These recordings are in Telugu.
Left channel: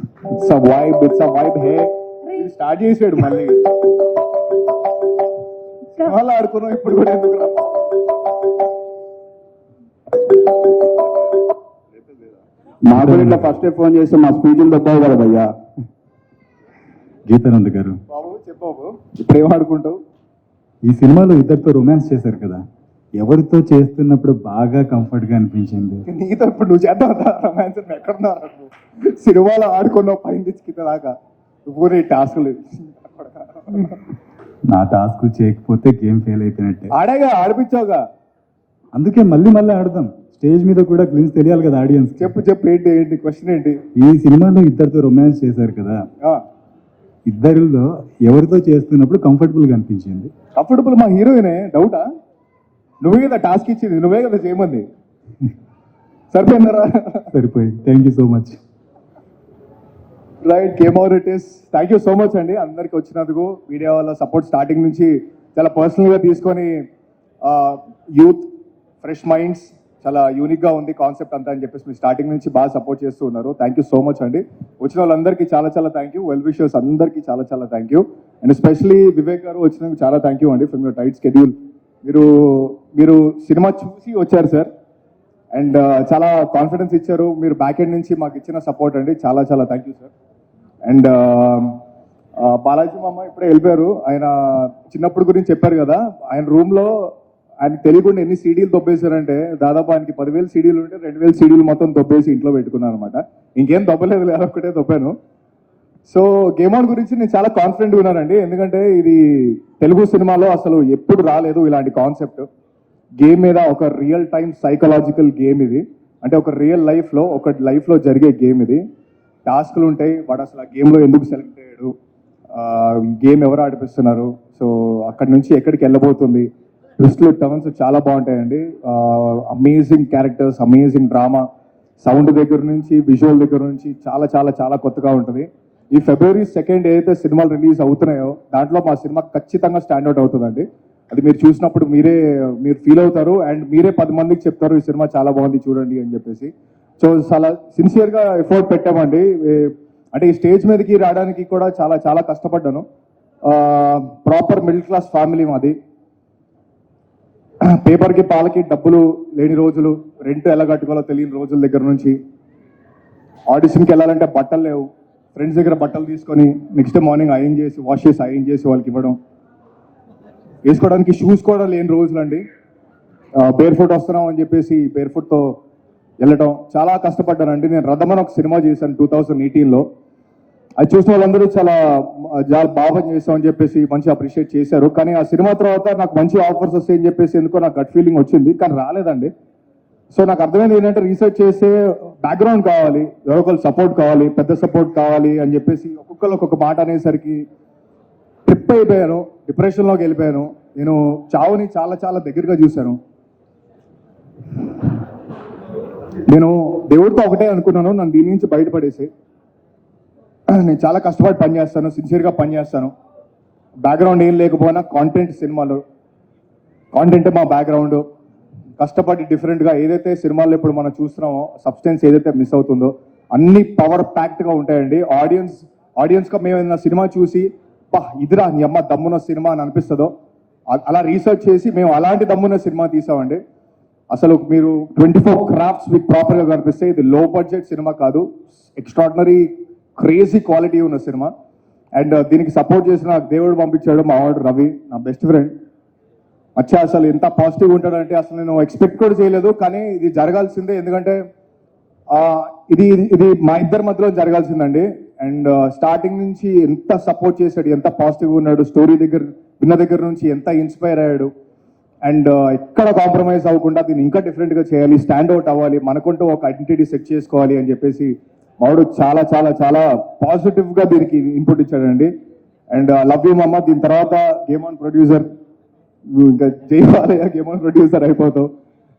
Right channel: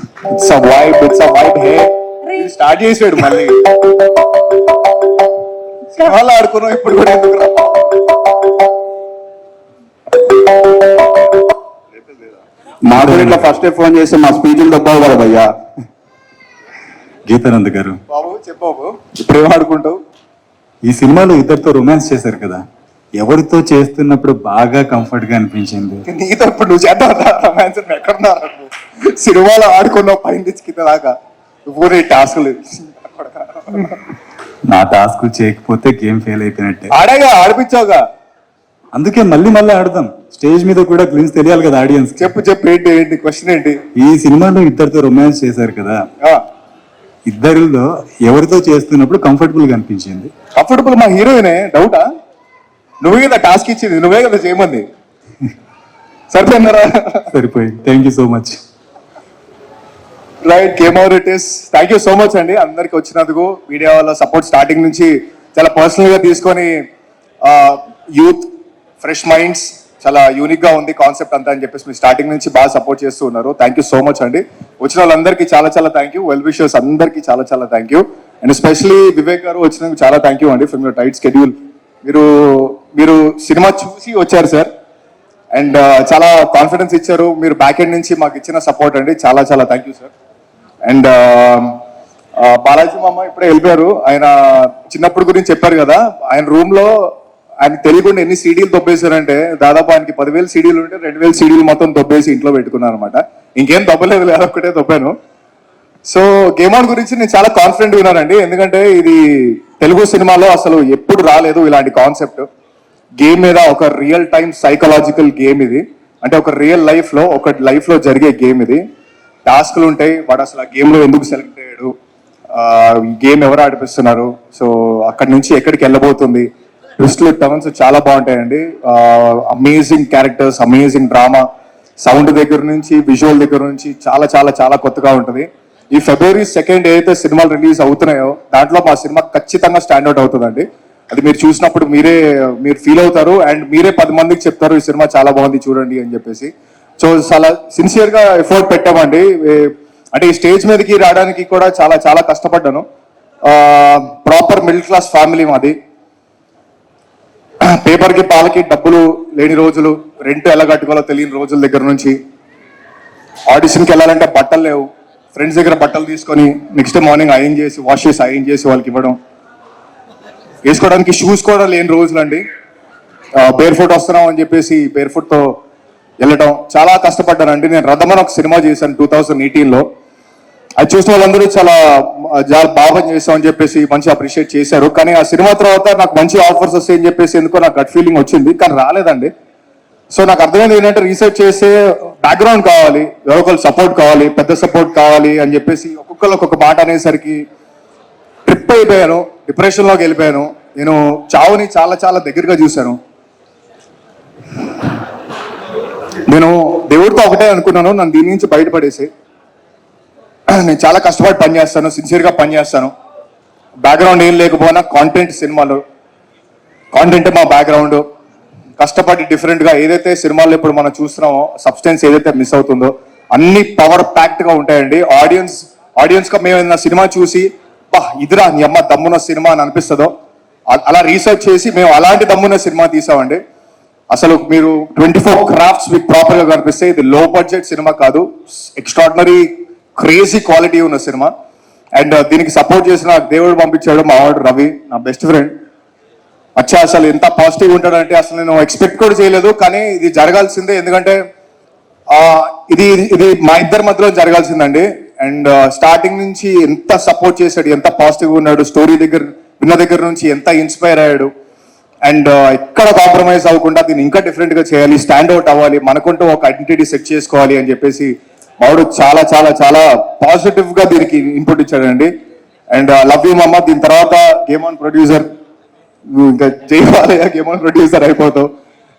It's a vibe here. Start చేసాడు మళ్ళీ సినిమాలు ఆడుకున్నాం ఇప్పుడు కూడా ఎందుకు రా? మాకు ఇట్లా ఫస్ట్ ఫోన్ చేసి మా స్పీచ్లు తప్పావు కదా భయ్యా. గీతానంద్ గారు, బాబు చెప్పావు ఇప్పుడు ఏం ఆడుకుంటావు? ఈ సినిమాలో ఇద్దరితో రొమాన్స్ చేశారు కదా, ఎవరితో చేస్తున్నప్పుడు బాగా కంఫర్ట్ గా అనిపించింది? నీతో ఇప్పుడు నువ్వు చేద్దాం రొమాన్స్ ఎక్కడున్నారు? సినిమాలో ఆడుకున్నావు పైన కింద దాకా ఊరే టాస్క్ లేదు. నా టాస్క్ చేయకపోతే గేమ్ ఫెయిల్ అయిపోయినట్టే. ఆడాగా ఆడిపించావుగా, అందుకే మళ్ళీ ఆడదాం. స్టేజ్ మీద కూడా గ్లిమ్స్ తెలియాలి కదా ఆడియన్స్. చెప్పు ఏంటి క్వశ్చన్ ఏంటి? ఈ సినిమాలో ఇద్దరితో రొమాన్స్ చేశారు కదా, ఇద్దరిలో ఎవరితో చేస్తున్నప్పుడు కంఫర్టబుల్ గా అనిపించింది? కంఫర్టబుల్ మా హీరోయినే, డౌటా? నువ్వే కదా టాస్క్ ఇచ్చింది, నువ్వే కదా చేయమంది. సరిపోయిందరా? సరిపోయింది. Thank you so much. Right, game over it is. Thank you so much అండి అందరికి వచ్చినందుకు. మీడియా వాళ్ళ సపోర్ట్ స్టార్టింగ్ నుంచి చాలా పర్సనల్ గా తీసుకొని, యూత్ ఫ్రెష్ మైండ్స్, చాలా యూనిక్ గా ఉంది కాన్సెప్ట్ అంతా అని చెప్పేసి మీరు స్టార్టింగ్ నుంచి బాగా సపోర్ట్ చేస్తూ ఉన్నారు. థ్యాంక్ యూ సో మచ్ అండి. వచ్చిన వాళ్ళందరికీ చాలా థ్యాంక్ యూ. వెల్ విషర్స్ అందరికీ చాలా thank you. And especially Vivek గారు వచ్చినందుకు చాలా థ్యాంక్ యూ అండి ఫ్రమ్ యువర్ టైట్ షెడ్యూల్. మీరు సినిమా చూసి వచ్చారు సార్, అండ్ చాలా కాన్ఫిడెన్స్ ఇచ్చారు. మీరు బ్యాక్ ఎండ్ నుంచి మాకు ఇచ్చిన సపోర్ట్ అండి, చాలా thank you sir. And Balaji మామ ఇప్పుడే వెళ్ళిపోయారు. ఆయన చిన్నప్పుడు గురించి చెప్పారు కదా, ఆయన రూమ్ లో ఆయన తెలియకుండా ఎన్ని సీడీలు దొబ్బేశారంటే, దాదాపు ఆయనకి 10,000 సీడీలు ఉంటే 2,000 సీడీలు మొత్తం దొబ్బేసి ఇంట్లో పెట్టుకున్నారు అనమాట. ఇంకేం దొబ్బలేదు, అదొక్కటే దొబ్బాను. సో గేమ్ ఆన్ గురించి నేను చాలా కాన్ఫిడెంట్ ఉన్నానండి, ఎందుకంటే ఇది తెలుగు సినిమాలో అసలు ఎప్పుడు రాలేదు ఇలాంటి కాన్సెప్ట్. గేమ్ మీద ఒక రియల్ టైమ్ సైకలాజికల్ గేమ్ ఇది. అంటే ఒక రియల్ లైఫ్ లో జరిగే గేమ్ ఇది. టాస్క్లు ఉంటాయి, వాడు అసలు ఆ గేమ్ లో ఎందుకు సెలెక్ట్ అయ్యాడు, గేమ్ ఎవరు ఆడిపిస్తున్నారు, సో అక్కడి నుంచి ఎక్కడికి వెళ్ళబోతుంది, ట్విస్ట్లు టర్న్స్ చాలా బాగుంటాయండి. Amazing characters, amazing drama, sound దగ్గర నుంచి విజువల్ దగ్గర నుంచి చాలా కొత్తగా ఉంటుంది. ఈ February 2 ఏదైతే సినిమాలు రిలీజ్ అవుతున్నాయో దాంట్లో మా సినిమా ఖచ్చితంగా స్టాండౌట్ అవుతుందండి. అది మీరు చూసినప్పుడు మీరు ఫీల్ అవుతారు, అండ్ మీరే 10 మందికి చెప్తారు ఈ సినిమా చాలా బాగుంది చూడండి అని చెప్పేసి. సో చాలా సిన్సియర్ గా ఎఫర్ట్ పెట్టామండి. అంటే ఈ స్టేజ్ మీదకి రావడానికి కూడా చాలా కష్టపడ్డాను. ప్రాపర్ మిడిల్ క్లాస్ ఫ్యామిలీ మాది. పేపర్కి పాలకి డబ్బులు లేని రోజులు, రెంట్ ఎలా కట్టుకోవాలో తెలియని రోజుల దగ్గర నుంచి, ఆడిషన్కి వెళ్ళాలంటే బట్టలు లేవు, ఫ్రెండ్స్ దగ్గర బట్టలు తీసుకొని నెక్స్ట్ డే మార్నింగ్ వాష్ చేసి వాళ్ళకి ఇవ్వడం, వేసుకోవడానికి షూస్ కూడా లేని రోజులు అండి. బేర్ ఫుట్ వస్తున్నాం అని చెప్పేసి బేర్ ఫుట్తో వెళ్ళటం, చాలా కష్టపడ్డానండి. నేను రథమని ఒక సినిమా చేశాను 2018లో. అది చూసిన వాళ్ళందరూ చాలా బాగా చేస్తాం అని చెప్పేసి మంచి అప్రిషియేట్ చేశారు. కానీ ఆ సినిమా తర్వాత నాకు మంచి ఆఫర్స్ వస్తాయని చెప్పేసి ఎందుకో నాకు గట్ ఫీలింగ్ వచ్చింది, కానీ రాలేదండి. సో నాకు అర్థమైంది ఏంటంటే, రీసెర్చ్ చేసే బ్యాక్గ్రౌండ్ కావాలి, ఎవరొకరు సపోర్ట్ కావాలి, పెద్ద సపోర్ట్ కావాలి అని చెప్పేసి ఒక్కొక్కరు ఒక్కొక్క మాట అనేసరికి ట్రిప్ అయిపోయాను, డిప్రెషన్లోకి వెళ్ళిపోయాను. నేను చావుని చాలా దగ్గరగా చూశాను. నేను దేవుడితో ఒకటే అనుకున్నాను, నన్ను దీని నుంచి బయటపడేసి నేను చాలా కష్టపడి పనిచేస్తాను, సిన్సియర్గా పనిచేస్తాను. బ్యాక్గ్రౌండ్ ఏం లేకపోయినా కాంటెంట్, సినిమాలో కాంటెంట్ మా బ్యాక్గ్రౌండ్. కష్టపడి డిఫరెంట్గా ఏదైతే సినిమాల్లో ఇప్పుడు మనం చూస్తున్నామో సబ్స్టెన్స్ ఏదైతే మిస్ అవుతుందో అన్ని పవర్ ప్యాక్డ్గా ఉంటాయండి. ఆడియన్స్గా మేము ఏదైనా సినిమా చూసి ఇదిరా నీ అమ్మ దమ్మున్న సినిమా అని అనిపిస్తుందో అలా రీసెర్చ్ చేసి మేము అలాంటి దమ్మున్న సినిమా తీసామండి. అసలు మీరు 24 క్రాఫ్ట్స్ మీకు ప్రాపర్గా కనిపిస్తే ఇది లో బడ్జెట్ సినిమా కాదు, ఎక్స్ట్రాడినరీ క్రేజీ క్వాలిటీ ఉన్న సినిమా. అండ్ దీనికి సపోర్ట్ చేసిన దేవుడు పంపించాడు మా వాడు రవి, నా బెస్ట్ ఫ్రెండ్. అసలు ఎంత పాజిటివ్ ఉంటాడంటే అసలు నేను ఎక్స్పెక్ట్ కూడా చేయలేదు, కానీ ఇది జరగాల్సిందే. ఎందుకంటే ఇది మా ఇద్దరి మధ్యలో జరగాల్సిందండి. అండ్ స్టార్టింగ్ నుంచి ఎంత సపోర్ట్ చేశాడు, ఎంత పాజిటివ్గా ఉన్నాడు, స్టోరీ విన్న దగ్గర నుంచి ఎంత ఇన్స్పైర్ అయ్యాడు. అండ్ ఎక్కడ కాంప్రమైజ్ అవ్వకుండా దీన్ని ఇంకా డిఫరెంట్గా చేయాలి, స్టాండ్అవుట్ అవ్వాలి, మనకుంటూ ఒక ఐడెంటిటీ సెట్ చేసుకోవాలి అని చెప్పేసి మావాడు చాలా పాజిటివ్గా దీనికి ఇన్పుట్ ఇచ్చాడండి. అండ్ లవ్ యూ మమ్మ. దీని తర్వాత గేమ్ ఆన్ ప్రొడ్యూసర్, ఇంకా జైవాలయ గేమ్ ఆన్ ప్రొడ్యూసర్ అయిపోతావు.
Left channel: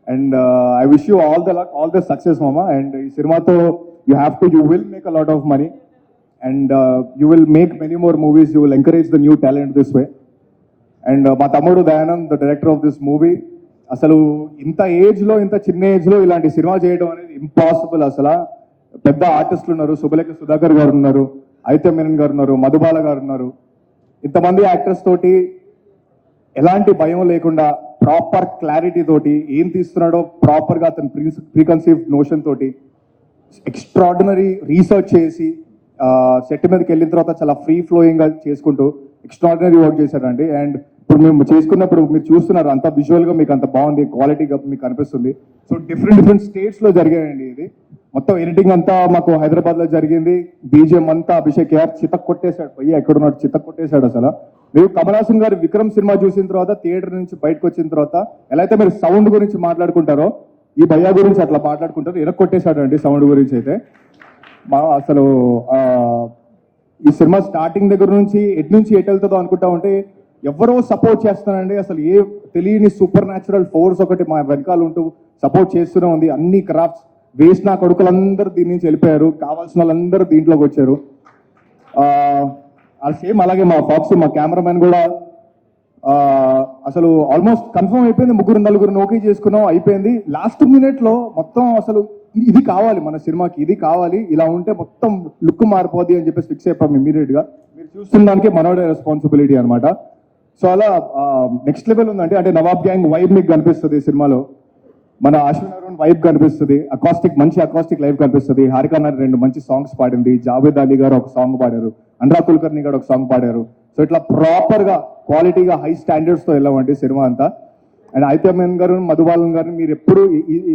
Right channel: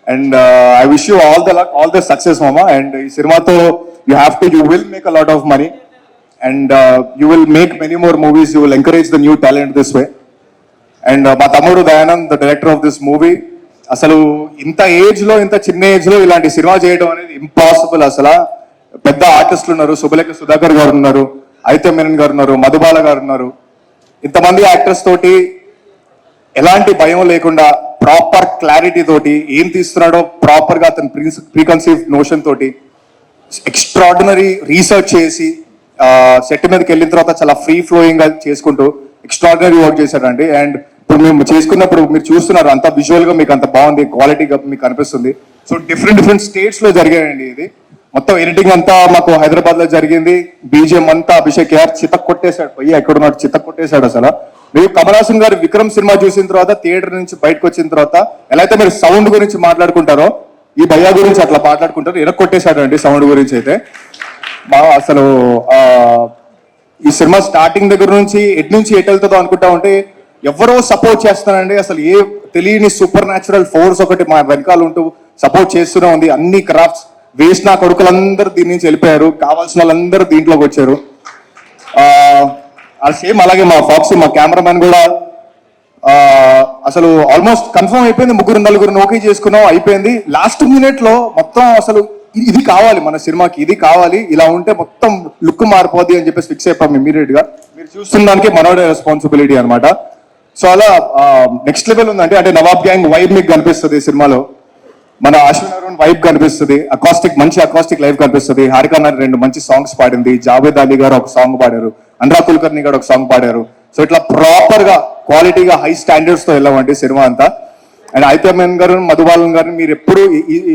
And I wish you all the success మామ. అండ్ ఈ సినిమాతో you will make a lot of money, and you will make many more movies, you will encourage the new talent this way. And మా తమ్ముడు Dayanand, the director of this movie, అసలు ఇంత చిన్న ఏజ్ లో ఇలాంటి సినిమా చేయడం అనేది ఇంపాసిబుల్. అసలు పెద్ద ఆర్టిస్టులు ఉన్నారు, శుభలేఖ సుధాకర్ గారు ఉన్నారు, అయితే మేనన్ గారు ఉన్నారు, మధుబాల గారు ఉన్నారు. ఇంతమంది యాక్టర్స్ తోటి ఎలాంటి భయం లేకుండా ప్రాపర్ క్లారిటీ తోటి ఏం తీస్తున్నాడో ప్రాపర్ గా అతను ప్రీకన్సీవ్ నోషన్ తోటి ఎక్స్ట్రాడినరీ రీసెర్చ్ చేసి సెట్ మీదకి వెళ్ళిన తర్వాత చాలా ఫ్రీ ఫ్లోయింగ్ గా చేసుకుంటూ ఎక్స్ట్రాడినరీ వర్క్ చేశాడండి. అండ్ ఇప్పుడు మేము చేసుకున్నప్పుడు మీరు చూస్తున్నారు అంత విజువల్ గా మీకు అంత బాగుంది, క్వాలిటీగా మీకు కనిపిస్తుంది. సో డిఫరెంట్ స్టేట్స్ లో జరిగాయండి ఇది. మొత్తం ఎడిటింగ్ అంతా మాకు హైదరాబాద్ లో జరిగింది. బీజిఎం అంతా అభిషేక్ యార్ చితక్ కొట్టేశాడు, పోయి ఎక్కడున్నాడు చితక్ కొట్టేశాడు అసలు. మీరు కమల్ హాసన్ గారు విక్రమ్ సినిమా చూసిన తర్వాత థియేటర్ నుంచి బయటకు వచ్చిన తర్వాత ఎలా అయితే మీరు సౌండ్ గురించి మాట్లాడుకుంటారో ఈ భయ్యా గురించి అట్లా మాట్లాడుకుంటారు. ఎరక్కొట్టేశాడు అండి సౌండ్ గురించి అయితే. బాగా అసలు ఈ సినిమా స్టార్టింగ్ దగ్గర నుంచి ఎటు వెళ్తుందో అనుకుంటా ఉంటే ఎవరో సపోర్ట్ చేస్తానండి. అసలు ఏ తెలియని సూపర్ న్యాచురల్ ఫోర్స్ ఒకటి మా వెనకాల ఉంటూ సపోర్ట్ చేస్తూనే ఉంది. అన్ని క్రాఫ్ట్స్ వేస్ట్ నా కొడుకులందరూ దీని నుంచి వెళ్ళిపోయారు, కావాల్సిన వాళ్ళందరూ దీంట్లోకి వచ్చారు. సేమ్ అలాగే మా ఫాక్స్ మా కెమెరామెన్ కూడా అసలు ఆల్మోస్ట్ కన్ఫర్మ్ అయిపోయింది. 3-4 ఓకే చేసుకున్నాం, అయిపోయింది. లాస్ట్ మినిట్ లో మొత్తం అసలు ఇది కావాలి మన సినిమాకి, ఇది కావాలి, ఇలా ఉంటే మొత్తం లుక్ మారిపోద్ది అని చెప్పేసి ఫిక్స్ అయిపోయాం ఇమీడియట్ గా. మీరు చూస్తున్న దానికి మనోడే రెస్పాన్సిబిలిటీ అనమాట. సో అలా నెక్స్ట్ లెవెల్ ఉందంటే అంటే నవాబ్ గ్యాంగ్ వైబ్ మీకు కనిపిస్తుంది ఈ సినిమాలో. మన అశ్విన్ అరుణ్ వైబ్ కనిపిస్తుంది, మంచి అకాస్టిక్ లైవ్ కనిపిస్తుంది. హారిక నాని 2 మంచి సాంగ్స్ పాడింది, జావేద్ అలీ గారు ఒక సాంగ్ పాడారు, అనురాగ్ కుల్కర్ని గారు ఒక సాంగ్ పాడారు. సో ఇట్లా ప్రాపర్ గా క్వాలిటీగా హై స్టాండర్డ్స్ తో వెళ్ళామండి సినిమా అంతా. అండ్ అయితే మేనన్ గారు, మధుబాలన్ గారిని మీరు ఎప్పుడు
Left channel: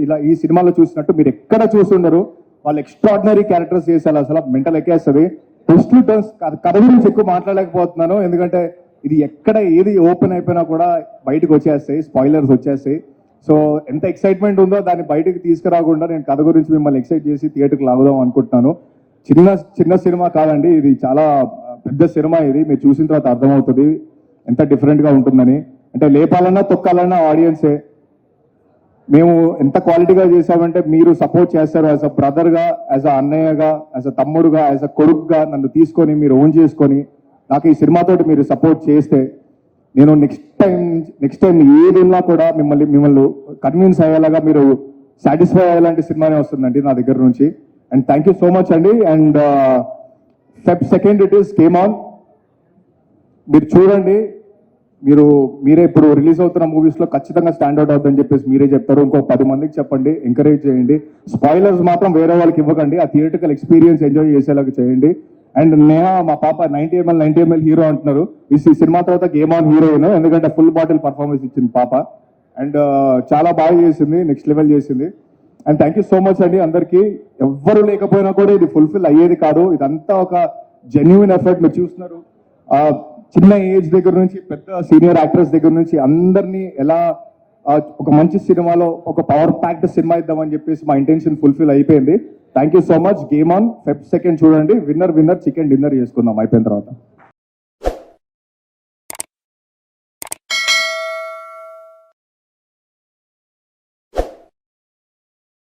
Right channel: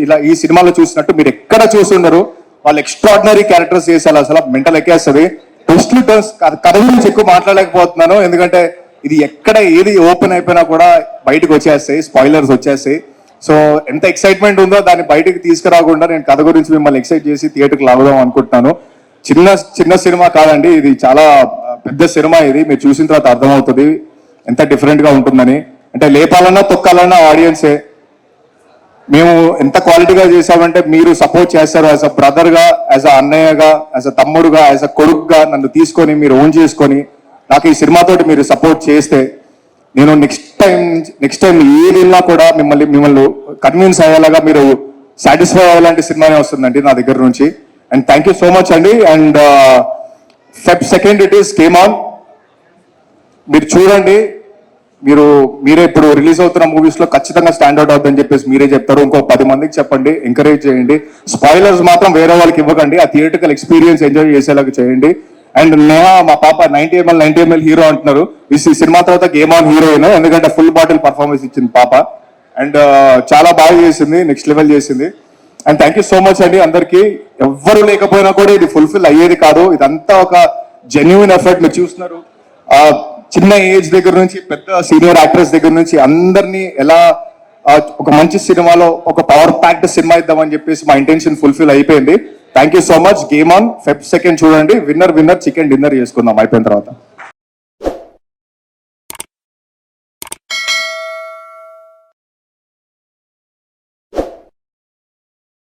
ఇలా ఈ సినిమాలో చూసినట్టు మీరు ఎక్కడ చూసుండరు. వాళ్ళు ఎక్స్ట్రాడినరీ క్యారెక్టర్స్ చేసేలా అసలు మెంటల్ ఎక్కేస్తుంది. ట్విస్ట్లు టర్న్స్ కథ గురించి ఎక్కువ మాట్లాడలేకపోతున్నాను, ఎందుకంటే ఇది ఎక్కడ ఏది ఓపెన్ అయిపోయినా కూడా బయటకు వచ్చేస్తాయి, స్పాయిలర్స్ వచ్చేస్తాయి. సో ఎంత ఎక్సైట్మెంట్ ఉందో దాన్ని బయటకు తీసుకురాకుండా నేను కథ గురించి మిమ్మల్ని ఎక్సైట్ చేసి థియేటర్కి లాగుదాం అనుకుంటున్నాను. చిన్న సినిమా కాదండి, ఇది చాలా పెద్ద సినిమా. ఇది మీరు చూసిన తర్వాత అర్థమవుతుంది ఎంత డిఫరెంట్ గా ఉంటుందని. అంటే లేపాలన్నా తొక్కాలన్నా ఆడియన్సే. మేము ఎంత క్వాలిటీగా చేసామంటే మీరు సపోర్ట్ చేస్తారు. యాజ్ అ బ్రదర్ గా, యాజ్ అ అన్నయ్యగా, యాజ్ అ తమ్ముడుగా, యాజ్ అ కొడుకుగా నన్ను తీసుకొని మీరు ఓన్ చేసుకొని నాకు ఈ సినిమాతోటి మీరు సపోర్ట్ చేస్తే నేను నెక్స్ట్ టైం ఏది వెళ్ళినా కూడా మిమ్మల్ని కన్విన్స్ అయ్యేలాగా మీరు సాటిస్ఫై అయ్యేలాంటి సినిమానే వస్తుందండి నా దగ్గర నుంచి. And thank you so much అండి. And Feb 2nd it is came on. మీరు చూడండి, మీరే ఇప్పుడు రిలీజ్ అవుతున్న మూవీస్ లో ఖచ్చితంగా స్టాండర్డ్ అవుతుందని చెప్పేసి మీరే చెప్తారు. ఇంకో 10 మందికి చెప్పండి, ఎంకరేజ్ చేయండి. స్పాయిలర్స్ మాత్రం వేరే వాళ్ళకి ఇవ్వకండి, ఆ థియేటర్కల్ ఎక్స్పీరియన్స్ ఎంజాయ్ చేసేలాగా చేయండి. అండ్ నేహా మా పాప 90 ml హీరో అంటున్నారు. ఈ సినిమా తర్వాత గేమ్ ఆన్ హీరోయిన్, ఎందుకంటే ఫుల్ బాటిల్ పర్ఫార్మెన్స్ ఇచ్చింది పాప. అండ్ చాలా బాగా చేసింది, నెక్స్ట్ లెవెల్ చేసింది. And thank you so much అండి అందరికి. ఎవ్వరు లేకపోయినా కూడా ఇది ఫుల్ఫిల్ అయ్యేది కాదు. ఇదంతా ఒక జెన్యున్ ఎఫర్ట్. మీరు చూస్తున్నారు చిన్న ఏజ్ దగ్గర నుంచి పెద్ద సీనియర్ యాక్టర్స్ దగ్గర నుంచి అందరినీ ఎలా ఒక మంచి సినిమాలో ఒక పవర్ ప్యాక్డ్ సినిమా ఇద్దామని చెప్పేసి మా ఇంటెన్షన్ ఫుల్ఫిల్ అయిపోయింది. Thank you so much. Game on Feb 2nd చూడండి. విన్నర్ చికెన్ డిన్నర్ చేసుకుందాం అయిపోయిన తర్వాత.